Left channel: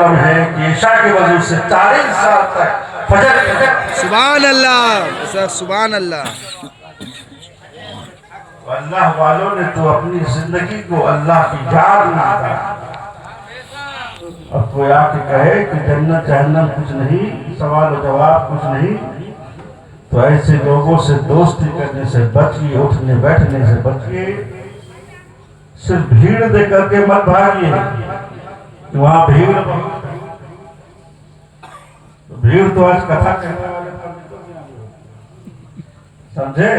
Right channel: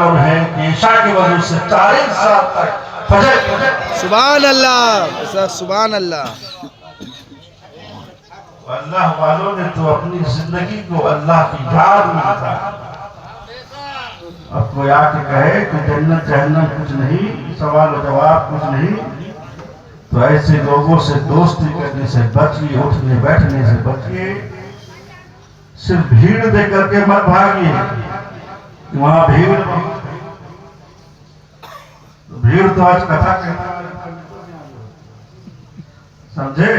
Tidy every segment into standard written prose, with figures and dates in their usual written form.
मालूम है कि ईशा के वजू से 40 साल तक फजर सुभान अल्लाह सर, सुभान अल्लाह। अल्लाह वालों ने तो अपनी जिंदगी को अल्लाह की याद में बिताया। अब कोई आके कहे कि जन्नत जहन्नम कुछ नहीं, सवाल और जवाब कुछ नहीं, तो ऐसे लोगों से दोस्ती करने से बचिए, उठने बैठने से बचिए। सिर्फ भीड़ दे करके मत भागिए, वहां भीड़ तो आज कथा कहने वाले समझे।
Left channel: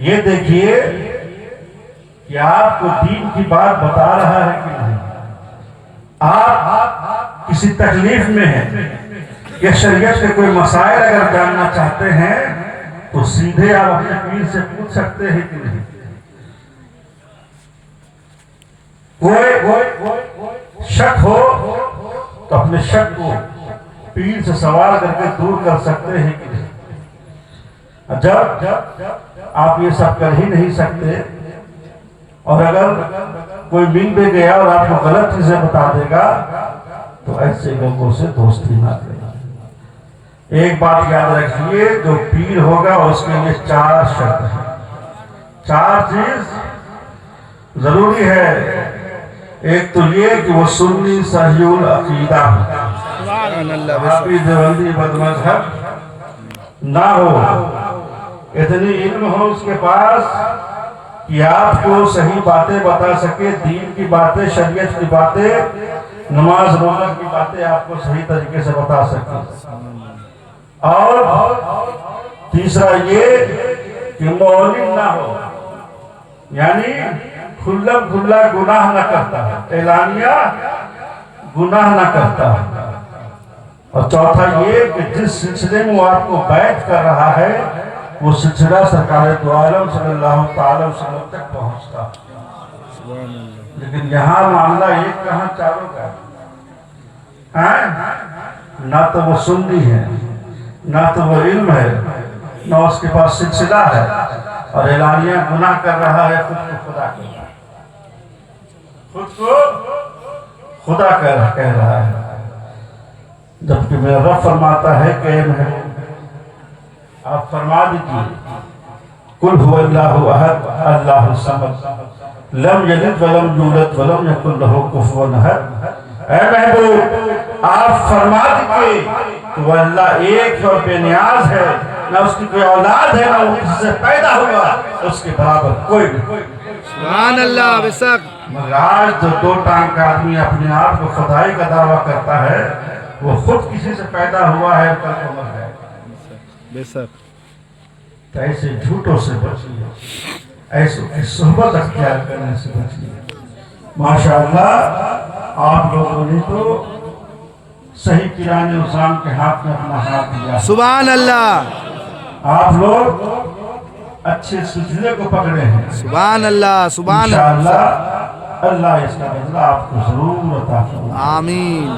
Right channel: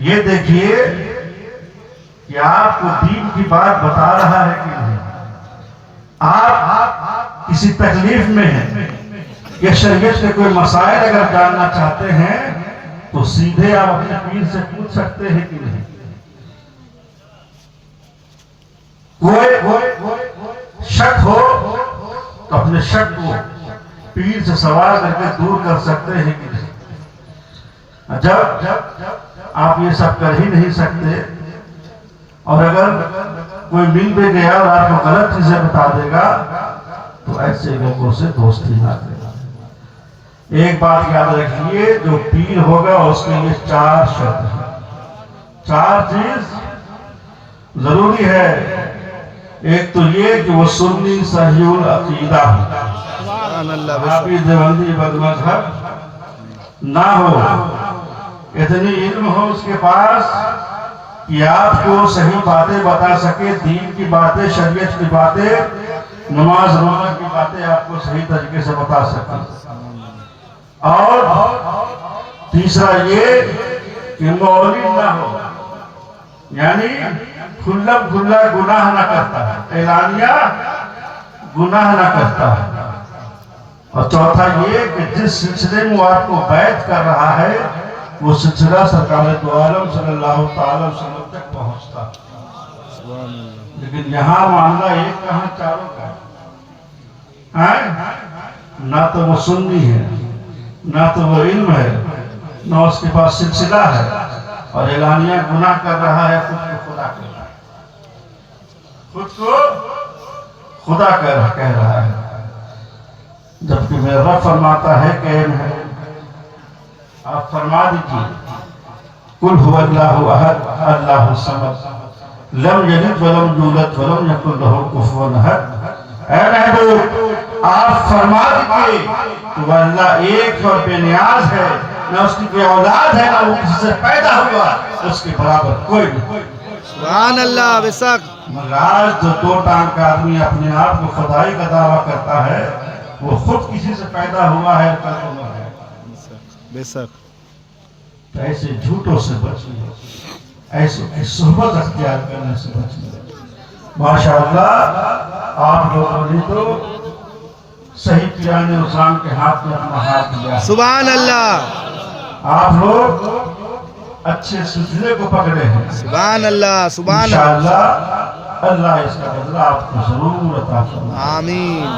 ये देखिए कि आपको दीन की बात बता रहा है कि नहीं। आप किसी तकलीफ में हैं या शरीयत के कोई मसाइल अगर जानना चाहते हैं तो सीधे आप अपने पीर से पूछ सकते हैं कि नहीं। कोई शक हो तो अपने शक को पीर से सवाल करके दूर कर सकते हैं कि नहीं। जब आप ये सब कर ही नहीं सकते और अगर कोई मिल भी गया और आपको गलत चीजें बता देगा तो ऐसे लोगों से दोस्ती ना करें। एक बात याद रखिए, जो पीर होगा उसके लिए 4 शर्त है, 4 चीज जरूरी है। एक तो ये कि वो सुन्नी सहीउल अकीदा हो, देवबंदी बदमज़हब ना हो, इतनी इल्म हो उसके पास कि आपको सही बातें बता सके, दीन की बातें, शरीयत की बातें, नमाज रोजा की बातें आपको सही तरीके से बता सके। और तीसरा ये कि मौलिद ना हो, यानी खुल्लम खुल्ला गुनाह ना करता है, एलानिया गुनाह ना करता है। और चौथा ये कि जिस सिलसिले में वो आपको बैत कर रहा है वो सिलसिला सरकार दो आलम सल्लल्लाहु अलैहि वसल्लम तक पहुंचता। लेकिन यहाँ मामला एक कहाँ चारों का है। ना तो वो सुन्नी है, ना तो वो इल्म है, ना उसके पास सिलसिला है, और एलानिया गुनाह कर रहा है, खुद को खुदा कर रहा है, खुद को खुदा कह रहा है। जबकि मेरा रब फरमाता है कि आप फरमा दीजिए, कुल हुवल्लाहु अहद अल्लाहु समद लम यलिद वलम यूलद वलम यकुल लहू कुफुवन अहद। ऐ महबूब आप फरमा दीजिए कि वो अल्लाह एक और बेनियाज है, ना उसकी कोई औलाद है, ना वो किसी से पैदा हुआ, उसके बराबर कोई नहीं। सुभान अल्लाह बेशक। मगर आज जो 2 टांग का आदमी अपने आप को खुदाई का दावा करता है वो खुद किसी से पैदा हुआ है, कल उम्र है बेशक। तो ऐसे झूठों से बचिए, ऐसे सोहबत अख्तियार करने से बचिए। माशाअल्लाह आप लोगों ने तो सही किराने उसाम के हाथ में अपना हाथ दिया। सुभान अल्लाह। आप लोग अच्छे सिलसिले को पकड़े हैं। सुभान अल्लाह, सुभान इंशाअल्लाह अल्लाह इसका बदला आपको जरूर अता फरमाए। आमीन।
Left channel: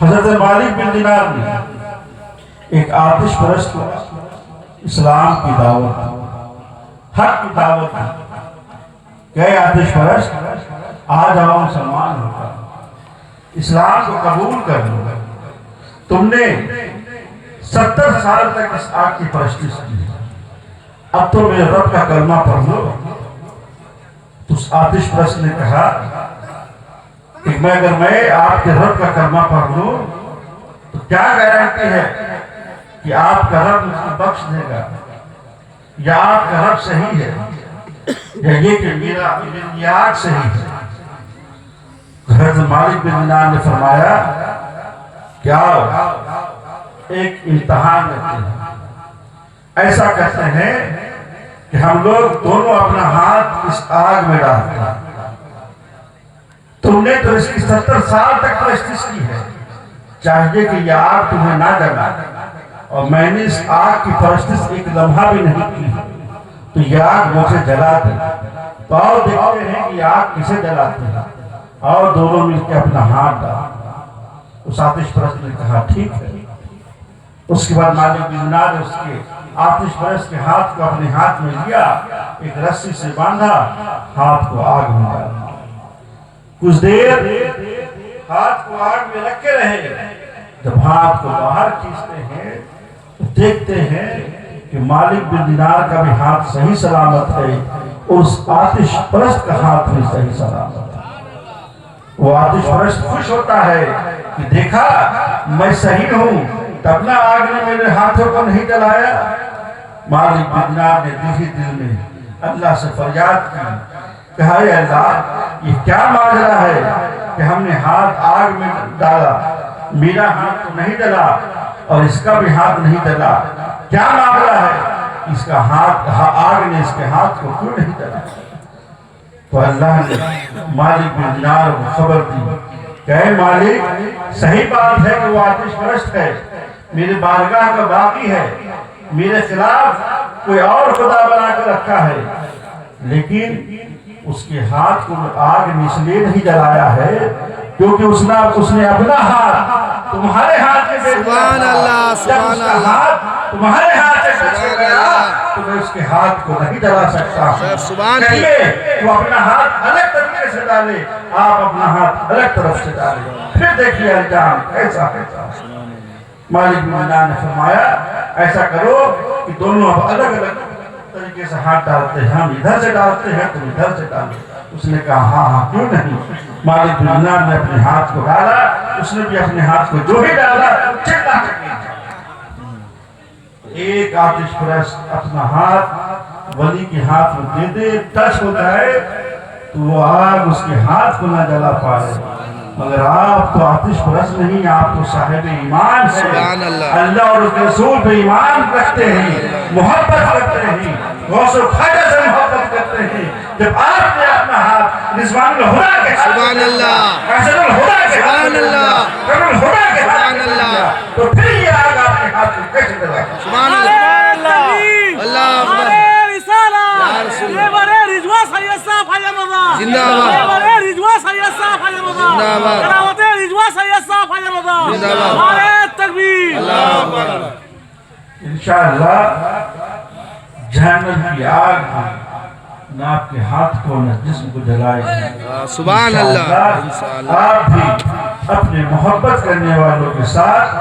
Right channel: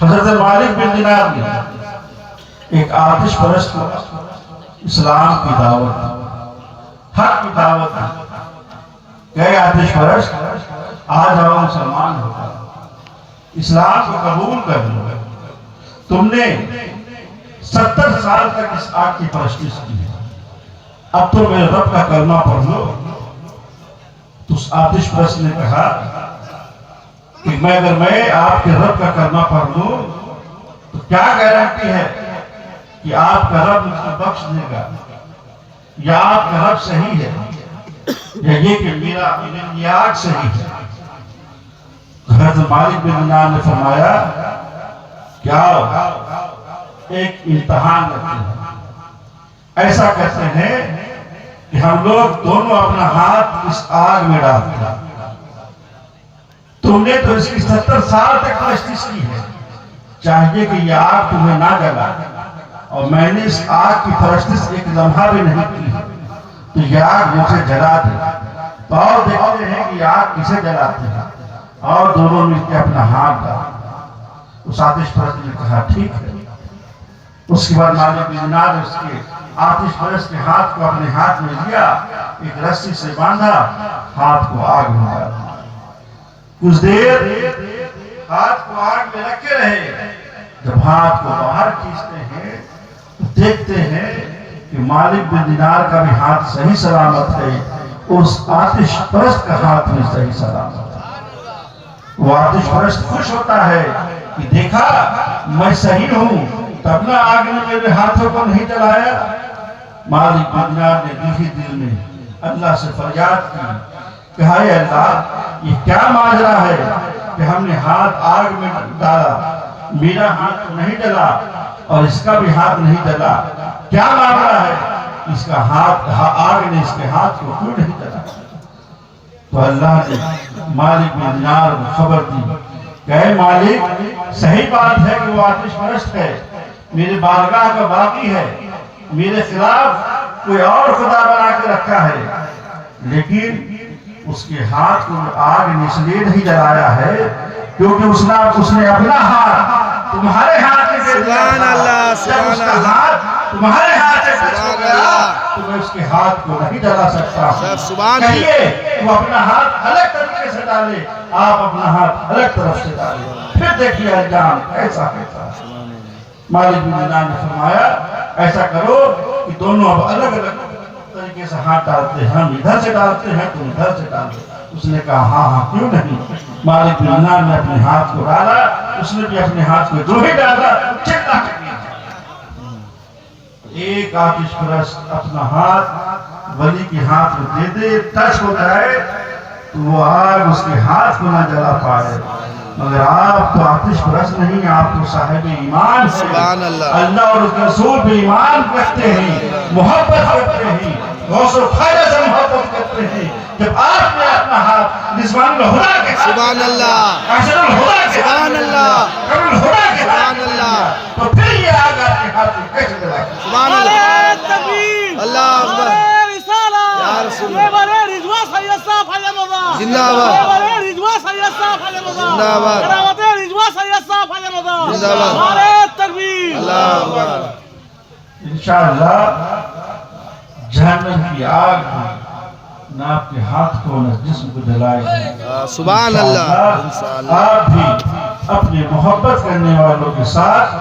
हजरत मालिक बिन दिनार ने एक आतिश परस्त को इस्लाम की दावत, हक की दावत गए। आतिश परस्त आ जाओ, मुसलमान होगा, इस्लाम को कबूल कर लो। तुमने 70 साल तक इस आग की परस्तिश की, अब तो मेरे रब का कलमा पढ़ लो। तो उस आतिश परस्त ने कहा कि मैं अगर मैं आपके रब का कलमा पढ़ लूं तो क्या गारंटी है कि आपका रब मुझको बख्श देगा, या आपका रब सही है, या ये कि मेरा याद सही है। हज़रत मालिक बिन दिनार ने फरमाया क्या एक इम्तिहान लेते हैं। ऐसा कहते हैं कि हम लोग दोनों अपना हाथ इस आग में डालते हैं। तुमने तो इसकी 70 साल तक परस्तिश की है, चाहिए कि यह आग तुम्हें ना जलाए, और मैंने इस आग की परस्तिश एक लम्हा भी नहीं की, तो यह आग मुझे जला दे। तो और देखते हैं कि आग किसे जलाती है, और दोनों मिलकर अपना हाथ डाला। उस आतिश परस्त ने कहा ठीक है। उसके बाद मालिक बिन दिनार ने उसके आतिश परस्त के हाथ को अपने हाथ में लिया, एक रस्सी से बांधा, हाथ को आग में डाला। कुछ देर ہاتھ کو آگ میں رکھے رہے. جب ہاتھ کو باہر کھینچتے ہیں تو دیکھتے ہیں کہ مالک بن دینار کا بھی ہاتھ صحیح سلامت ہے اور اس آتش پرست کا ہاتھ بھی صحیح سلامت ہے. وہ آتش پرست خوش ہوتا ہے کہ دیکھا میں صحیح ہوں، تب نہ آگ نے میرے ہاتھوں کو نہیں جلایا. مالک بن دینار نے دل میں اللہ سے فریاد کی کہ اے اللہ، یہ کیا ماجرا ہے کہ ہم نے ہاتھ آگ میں ڈالا، میرا ہاتھ نہیں جلا اور اس کا بھی ہاتھ نہیں جلا، کیا معاملہ ہے؟ اس کا ہاتھ، آگ نے اس کے ہاتھ کو کیوں نہیں جلا؟ تو اللہ نے مالک بن دینار کو خبر دی کہ اے مالک، صحیح بات ہے کہ وہ آتش پرست ہے، میرے بارگاہ کا باقی ہے، میرے خلاف کوئی اور خدا بنا کے رکھا ہے، لیکن اس کے ہاتھ کو آگ نے اس لیے نہیں جلایا ہے کیونکہ اس نے اپنا ہاتھ تمہارے ہاتھ میں سبحان اللہ، سبحان اللہ، تمہارے ہاتھ سے سبحان اللہ، تو میں اس کے ہاتھ کو نہیں جلا سکتا. سر سبحان اللہ، کہیے وہ اپنا ہاتھ الگ طریقے سے ڈالے، آپ اپنا ہاتھ الگ طرف سے ڈالے، پھر دیکھیے انجام کیسا کیسا. مالک بن دینار نے فرمایا ایسا کرو کہ دونوں اب الگ الگ طریقے سے ہاتھ ڈالتے ہیں، ہم ادھر سے ڈالتے ہیں تم ادھر سے ڈالتے. اس نے کہا ہاں کیوں نہیں. مالک بن دینار نے اپنے ہاتھ کو ڈالا، اس نے بھی اپنے ہاتھ کو جو ہی ڈالا چکنا کرنے. ایک آتش پرست اپنا ہاتھ ولی کے ہاتھ میں دے دے، ٹچ ہو جائے تو وہ آگ اس کے ہاتھ کو نہ جلا پائے. مگر آپ تو آتش پرست نہیں، آپ تو صاحب ایمان ہیں. سبحان اللہ، اللہ اور اس کے رسول پہ ایمان رکھتے ہیں، محبت کرتے ہیں، غوث و خواجہ سے محبت کرتے ہیں. جب آپ نے اپنا ہاتھ رضوان الہدا کے ہاتھ، سبحان اللہ، قاصد الہدا کے سبحان اللہ، قمر الہدا کے سبحان اللہ، تو پھر یہ آگ آپ کے ہاتھ میں کیسے جلائے؟ سبحان اللہ، اللہ اکبر، یا رسول اللہ، زندہ آباد، زندہ آباد، زندہ آباد، اللہ اکبر. انشاءاللہ جہنم کی آگ نہ آپ کے ہاتھ کو نہ جسم کو جلائے گی. سبحان اللہ، انشاءاللہ. آپ بھی اپنے محبت کرنے والوں کے ساتھ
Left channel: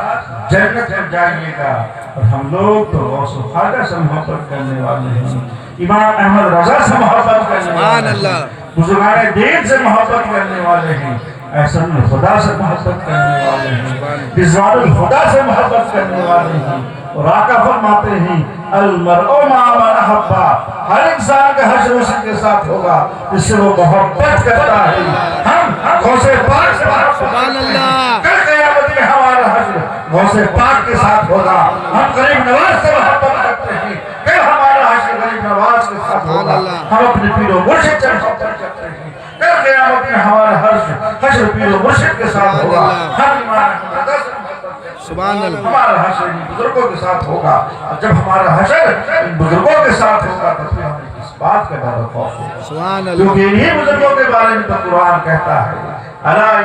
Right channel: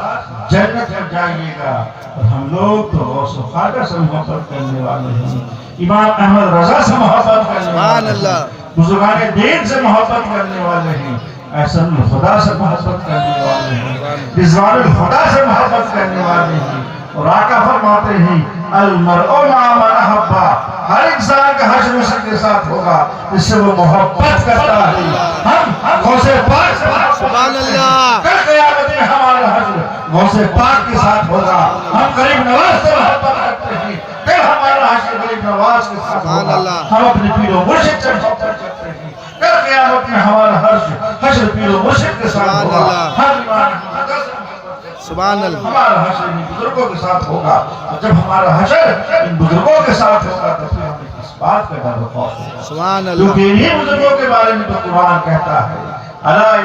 جنت میں جائیے گا. اور ہم لوگ تو غوث و خواجہ سے محبت کرنے والے ہیں، امام احمد رضا سے محبت کرنے سبحان والے ہیں، اللہ، بزرگان دین سے محبت کرنے والے ہیں، احسن الخدا سے محبت کرنے والے ہیں، رضوان الخدا سے محبت کرنے والے ہیں. اور آقا فرماتے ہیں المرء مع من احب، ہر انسان کا حشر اسی کے ساتھ ہوگا جس سے وہ محبت کرتا ہے. ہم غوث پاک سے سبحان اللہ، کل قیامت میں ہمارا حشر غوث پاک کے ساتھ ہوگا. ہم غریب نواز سے محبت کرتے ہیں، کل ہمارا حشر غریب نواز کے ساتھ سبحان ہوگا. اللہ. ہم اپنے پیر و مرشد سے محبت کرتے ہیں، کل قیامت میں ہمارا حشر پیر و مرشد کے ساتھ سبحان ہوگا. اللہ. ہم ایمان احمد سے محبت کرتے ہیں، سبحان اللہ، ہمارا حشر ان بزرگوں کے ساتھ ہوگا. اور جب ہمارا حشر ان بزرگوں کے ساتھ ہوگا تو پھر ہمیں اس بات کا ڈر و خوف ہوگا، سبحان اللہ. کیونکہ انہی بزرگوں کے بارے میں تو قرآن کہتا ہے الا